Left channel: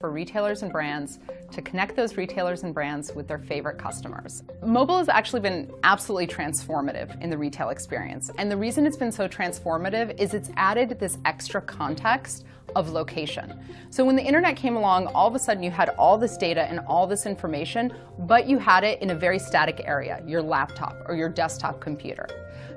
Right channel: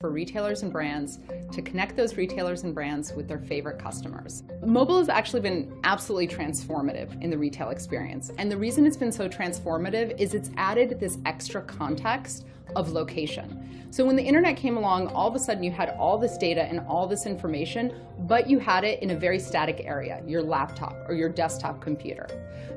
for retailers and brands to connect those retailers and brands with their favorite customers. Mobile has actually been absolutely transformative in the retail experience. And the reason it's been so transformative is it's added this extra context of location. So when the internet came along, all of a sudden you had all this data and all this information, but you had it in a very static area, your laptop or your desktop computer.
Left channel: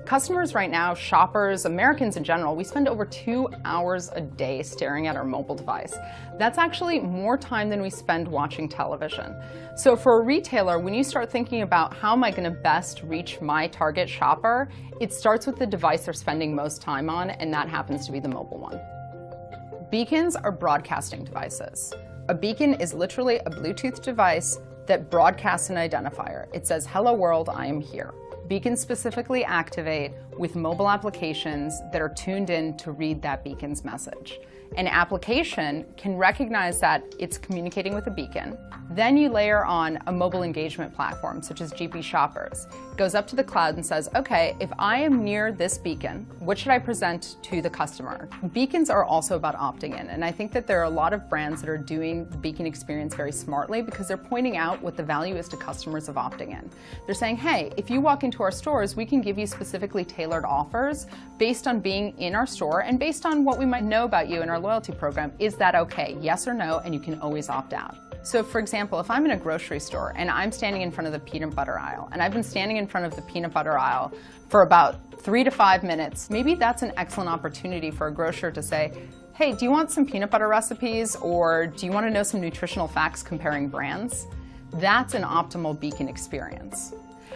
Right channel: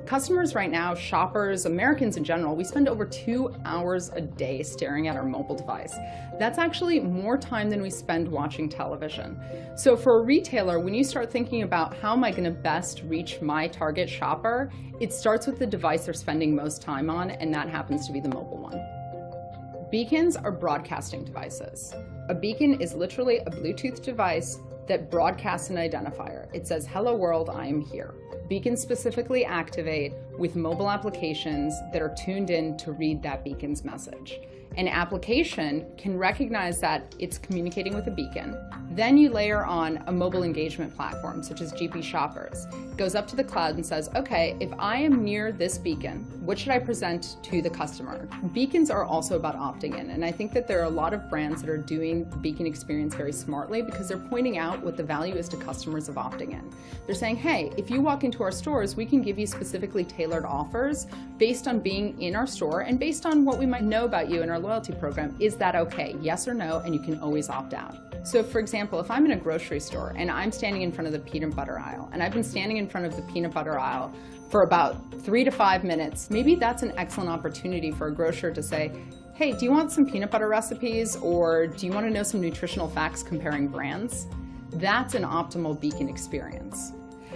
Customers right now, shoppers, Americans in general, we spend over 2 hours a day staring at our mobile device. That's actually more time than we spend watching television. So for a retailer, when you start thinking about how am I going to best reach my target shopper, it starts with the device they're spending most time on, and that happens to be the mobile one. Beacons are broadcasting devices. A beacon is literally a Bluetooth device that broadcasts an identifier. It says, "Hello world, I am here." Beacons specifically activate with mobile applications that are tuned in to read that beacon's message. An application can recognize that it's communicating with a beacon. Then you layer on a mobile engagement platform, such as GP Shoppers. It goes up to the cloud and says, okay, if I am near this beacon, what should I present to the customer? Beacons are also about opting in, and I think that there are a lot of brands that are doing the beacon experience very smartly because they're pointing out what the value is to customers of opting in. They're saying, hey, if you walk into our stores, we can give you specifically tailored offers based on being in our store and based on what we might know about you in our loyalty program. Is that okay? Yes or no, and you can always opt out. So for example, if I'm in a grocery store and I'm standing in front of the peanut butter aisle, and I've been standing in front of the peanut butter aisle for about 3 to 5 minutes, maybe that's an excellent opportunity for a grocer to say, hey, do you want some peanut butter recipes, or do you want to know some nutritional facts comparing brands? That's an optimal beacon experience.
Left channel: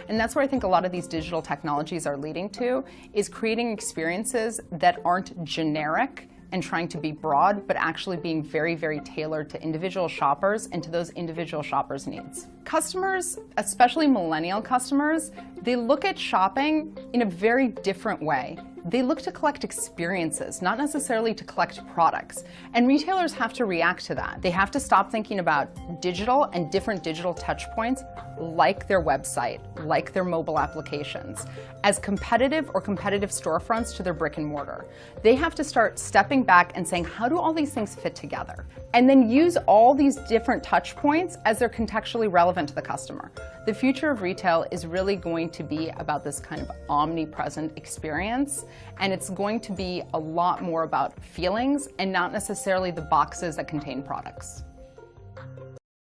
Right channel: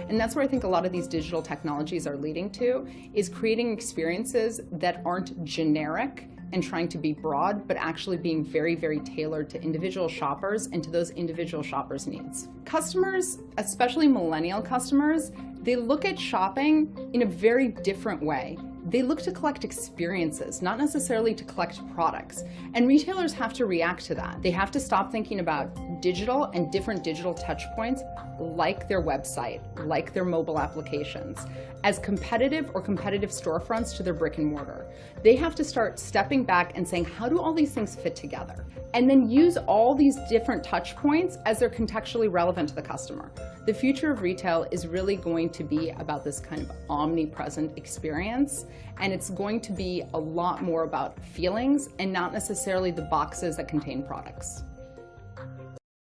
And that's where I think a lot of these digital technologies are leading to, is creating experiences that aren't generic and trying to be broad, but actually being very, very tailored to individual shoppers and to those individual shoppers' needs. Customers, especially millennial customers, they look at shopping in a very different way. They look to collect experiences, not necessarily to collect products. And retailers have to react to that. They have to stop thinking about digital and different digital touch points like their website, like their mobile applications, as competitive or competitive storefronts to their brick and mortar. They have to start stepping back and saying, how do all these things fit together? And then use all these different touch points as they're contextually relevant to the customer. The future of retail is really going to be about this kind of omnipresent experience, and it's going to be a lot more about feelings and not necessarily the boxes that contain products.